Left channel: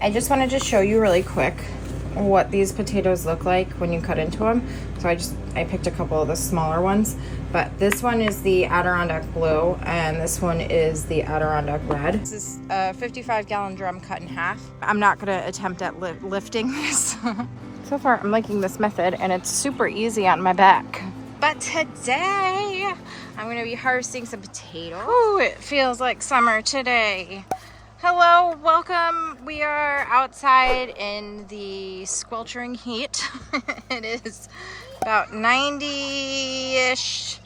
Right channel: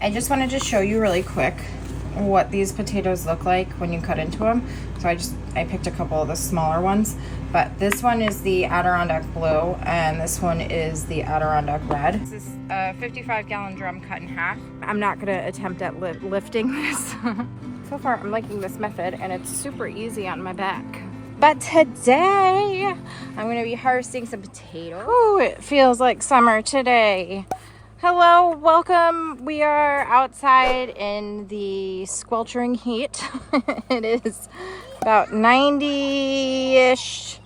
I just wanted to show you really quick what these potatoes look like when you cut into them. So I picked a couple of the smaller ones, but this one is the Adirondack blue and this one is the Adirondack red. This is a 55-gallon drum cut in half. I'm not gonna attempt at lifting this. So far I'm liking this method and it's super easy on my back. But today I'm gonna be harvesting some potatoes. Oh, it feels like summer today. Hello, welcome. We are outside in the sweltering heat. It is about 90-ish,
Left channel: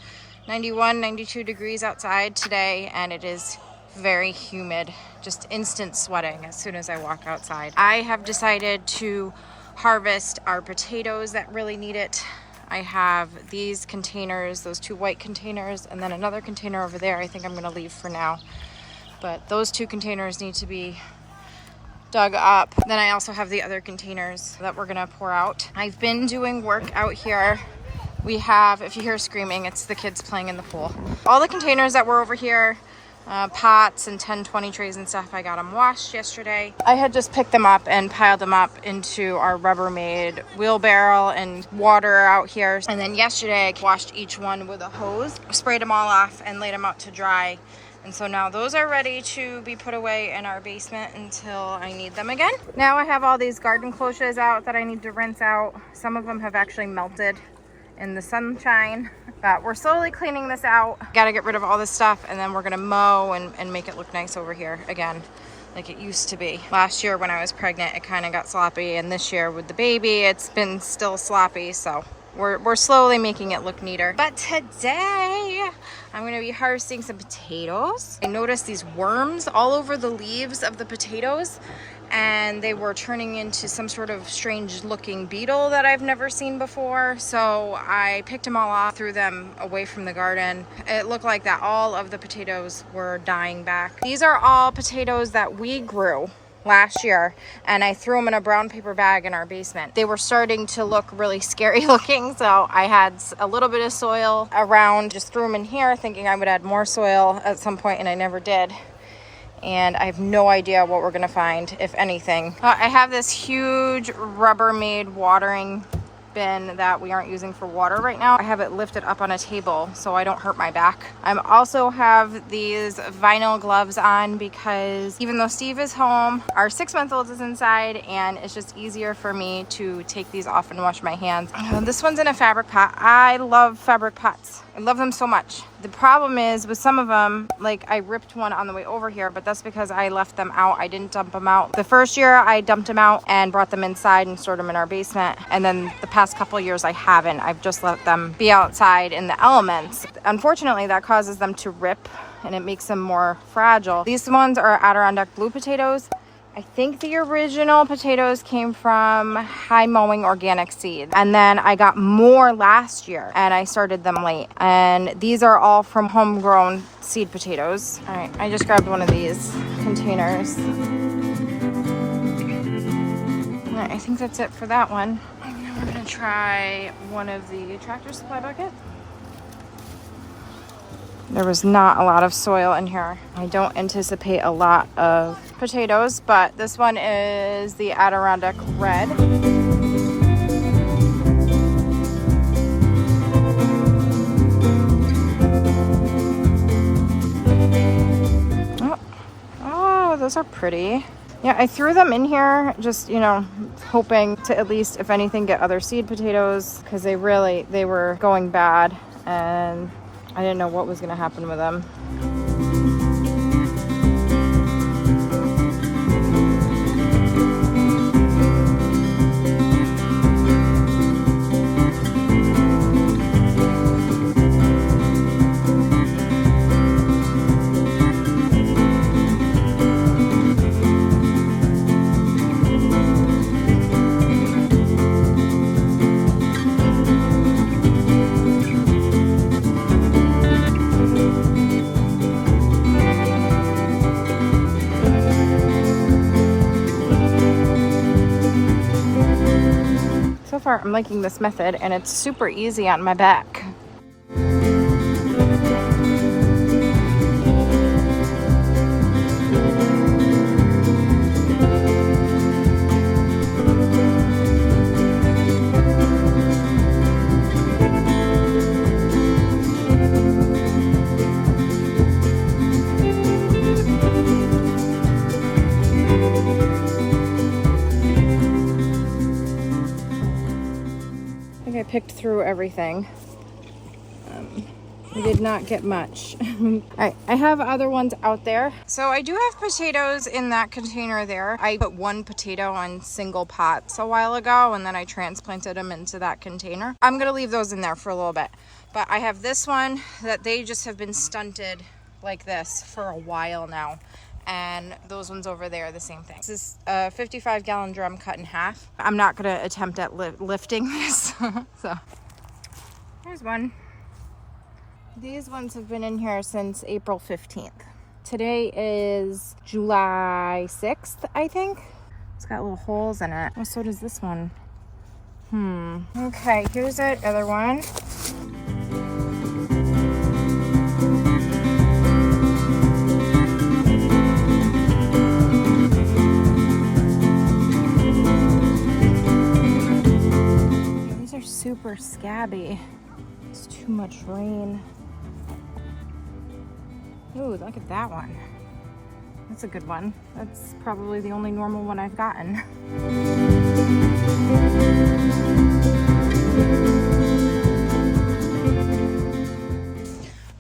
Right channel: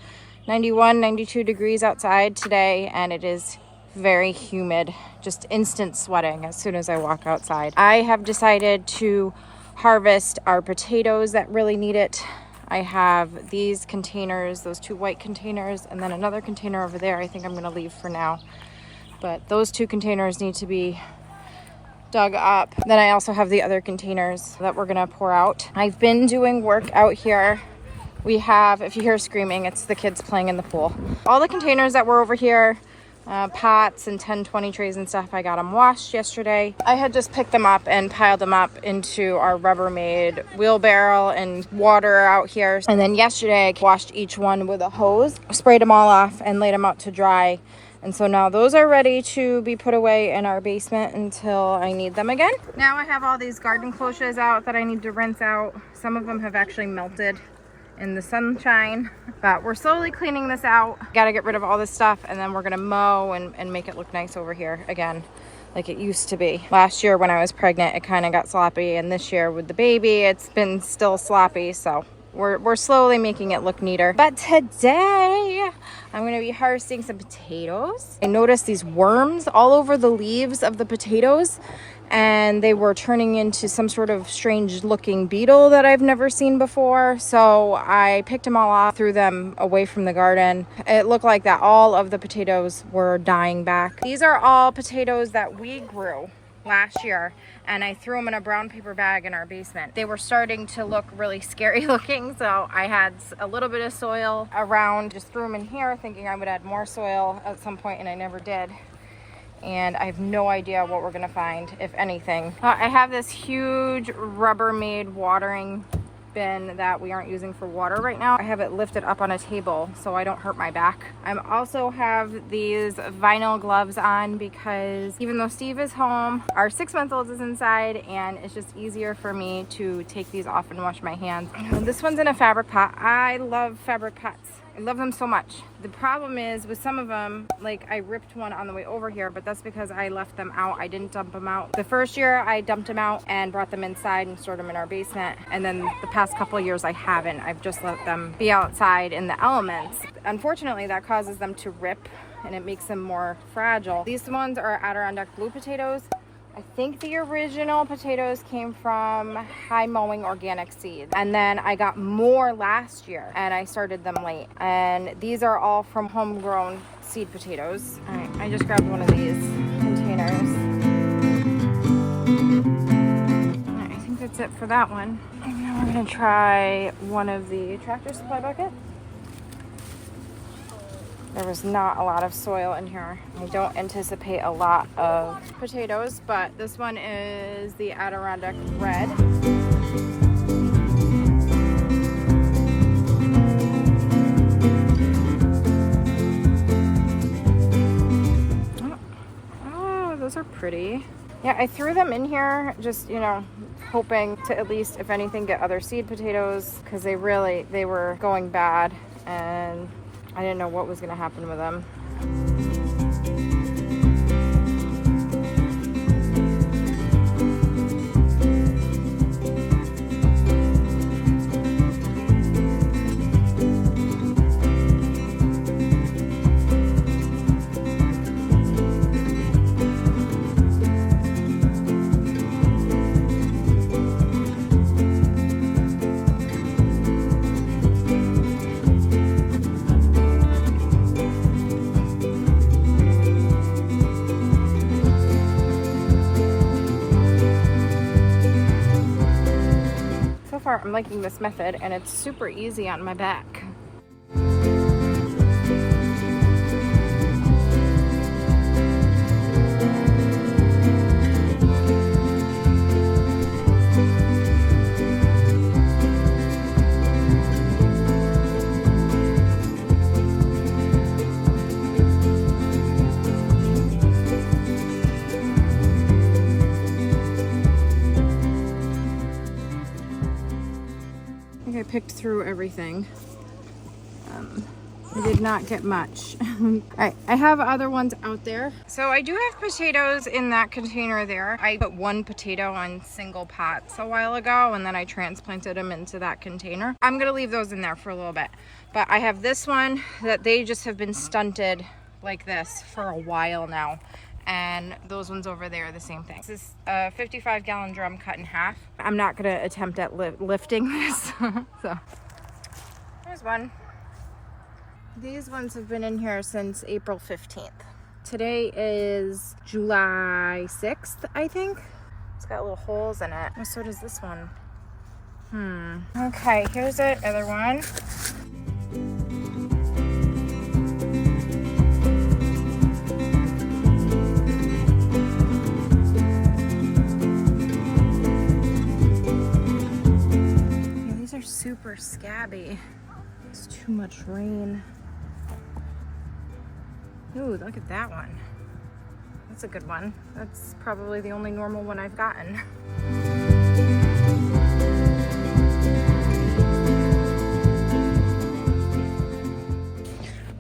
91, 92 degrees outside today, and it is very humid, just instant sweating as soon as I walk outside. I have decided to harvest our potatoes that really need it. I have these containers, those two white containers, and then another container over there I think I'm gonna leave for now. But those two containers need to be dug up. Then I also have the other containers that we're gonna pour out. I've been doing work out here. We have, if you hear screaming, it's the kids playing in the pool. All the containers that were over here, pots and 10, 20 trays and stuff, I got them washed yesterday. I had just picked them up and piled them up into our Rubbermaid wheelbarrow and water out here. And then yesterday I washed each one with a hose, sprayed them all off and laid them out to dry. And so now those are ready to be put away in our basement until I need them again. Now I have all these garden cloches out that I need to rinse out. Some of them have actually melted in the sunshine, but we're slowly cleaning this out. Got to get rid of all this stuff and then we're gonna mow and make it look nice over here again, like it used to be. Last year when I was pregnant, it kind of got sloppy, and this year with the baby, it's been still sloppy. So we're slowly making it look neater. But today, I'm gonna be harvesting some potatoes. I noticed these worms all over the leaves of the potatoes, and they were turning into some sort of strange looking beetle that I've never seen before. So I picked them all off, threw them away from the garden. It looked like that all of the potatoes were dying back. These are all potatoes that we grew last year, and I threw them in a brown paper bag in our basement. They were starting to look really scary looking, so I had a little bit of soil around, just threw them in here thinking I would add more soil at some point, and I never did. And I have no idea what we're gonna find, if anything. I have this huge Rubbermaid watering bin that we aren't using for water right now. I have it lifted up on a table so I don't hurt my back. I also have these vinyl gloves on because even though Steve is home, our 6-month-old is inside, and it's just easier for me to take these off and wash my hands. This one's in a fabric pot. I love fabric pots. I love them so much. The problem is with some of them, like I ripped one on the way over here, but that's because I left them out. I didn't dump them out. The first year I dumped them out and brought them inside and stored them in our basement. And then the past couple of years I haven't. I've just let them be outside in the elements. Unfortunately, that causes them to rip and it makes them more fragile. These ones are Adirondack blue potatoes. I think the original potatoes came from Mowing organic seeds. And then I got more last year and I started them late. And these are all from Homegrown seed potatoes. All right, I just grabbed one of these containers. All right, I think that's it for that one. And now we're gonna try one of the Tractor Supply buckets. There was not a lot of soil in here. I don't anticipate a lot of potatoes, but this one is the Adirondack red. Oh, those are pretty. Yeah, I threw them in here just, you know, hoping to at least, if anything, get other seed potatoes, because they were going bad and I didn't know what was going to happen with them. I'm liking this method and it's super easy on my back. picked through everything. We did not get much. All right, I have other ones out there. So I do have potatoes in that container there. I put one potato on single pots a while ago, and then I transplanted them into that container. I'm gonna leave those in there for a little bit. But I have this one that they just have been stunted like this for a while now. And those ones over there are the same thing. This is a 55-gallon drum cut in half. I'm not gonna attempt at lifting this. So here's one. These ones have been in here since April 15th. Today is July 6th, I think. It's got little holes in it. And so does this one. Okay, here's the other one. Yeah, these are super scabby. It's too much rain. Ooh, look at that one. That's a good one. That's probably the only normal one I've gotten.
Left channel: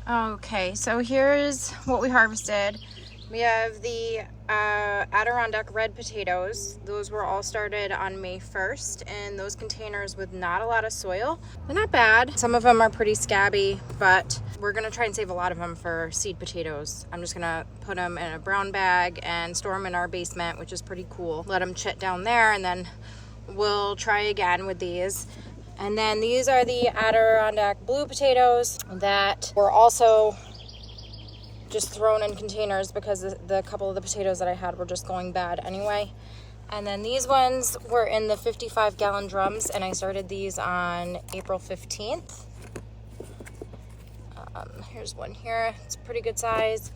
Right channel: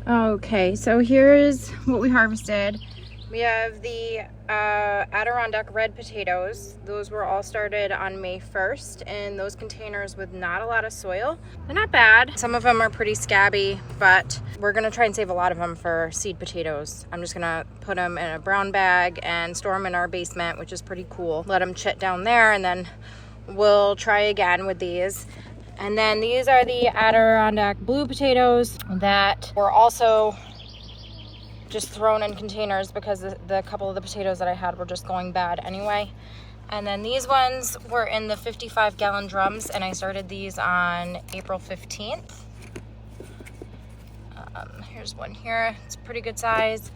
Okay, so here's what we harvested. We have the Adirondack red potatoes. Those were all started on May 1st in those containers with not a lot of soil. They're not bad. Some of them are pretty scabby, but we're gonna try and save a lot of them for seed potatoes. I'm just gonna put them in a brown bag and store them in our basement, which is pretty cool. Let them chit down there, and then we'll try again with these. And then these are the Adirondack blue potatoes that were also just thrown in containers because the couple of the potatoes that I had were just going bad anyway. And then these ones were in the 55-gallon drums, and I started these on April 15th. Here's one here. It's a pretty good size.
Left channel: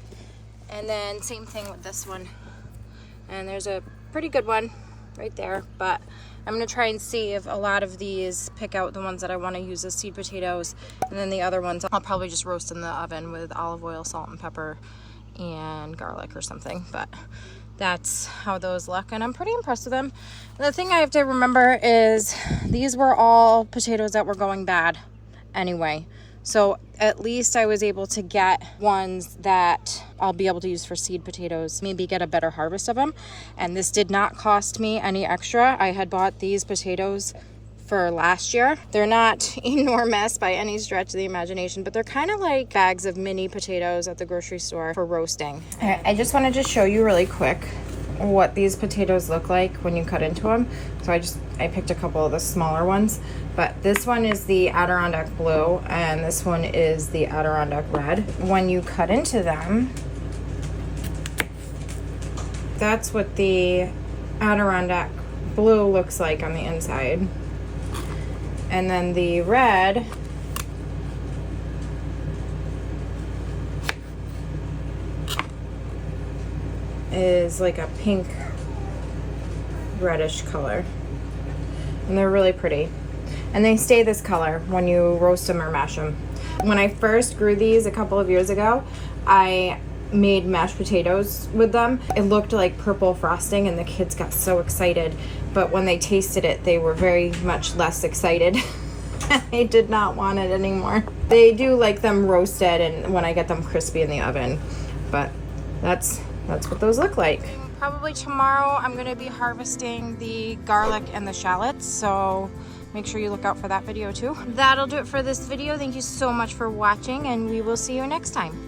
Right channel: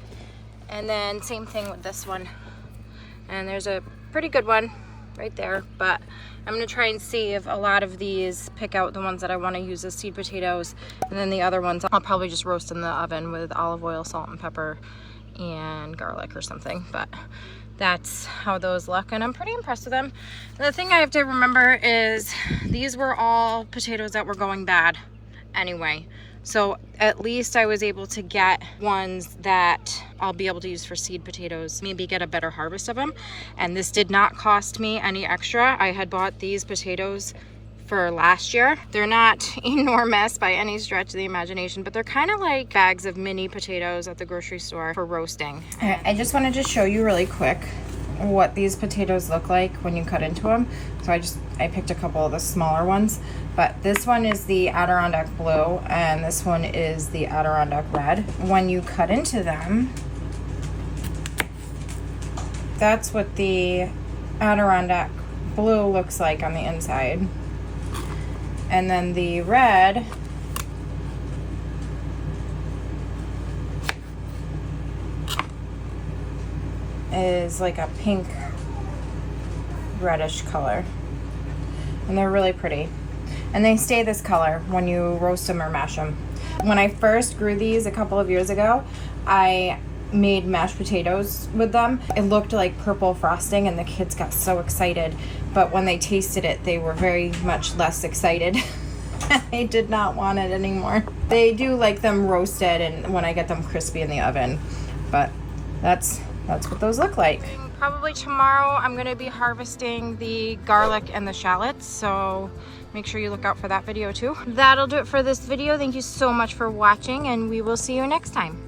And then same thing with this one. And there's a pretty good one right there, but I'm gonna try and see if a lot of these pick out the ones that I want to use as seed potatoes, and then the other ones I'll probably just roast in the oven with olive oil, salt and pepper, and garlic or something. But that's how those look, and I'm pretty impressed with them. The thing I have to remember is these were all potatoes that were going bad anyway. So at least I was able to get ones that I'll be able to use for seed potatoes, maybe get a better harvest of them. And this did not cost me any extra. I had bought these potatoes for last year. They're not enormous by any stretch of the imagination, but they're kind of like bags of mini potatoes at the grocery store for roasting. I just wanted to show you really quick what these potatoes look like when you cut into them. So I picked a couple of the smaller ones, but this one is the Adirondack blue and this one is the Adirondack red. When you cut into them, that's what the Adirondack blue looks like on the inside. And then the red is like a pink reddish color, and they're really pretty, and they stay this color when you roast them or mash them. When I first grew these a couple of years ago, I made mashed potatoes with them. It looked like purple frosting and the kids got so excited, but when they tasted it they were very much less excited. They did not want it anymore. They do like them roasted and when I get them crispy in the oven, but that's what those look like. Probably tomorrow I'm going to be harvesting the garlic and the shallots, so make sure you look out for that video too. That'll do it for this video. Thank you so much for watching, and we will see you next time.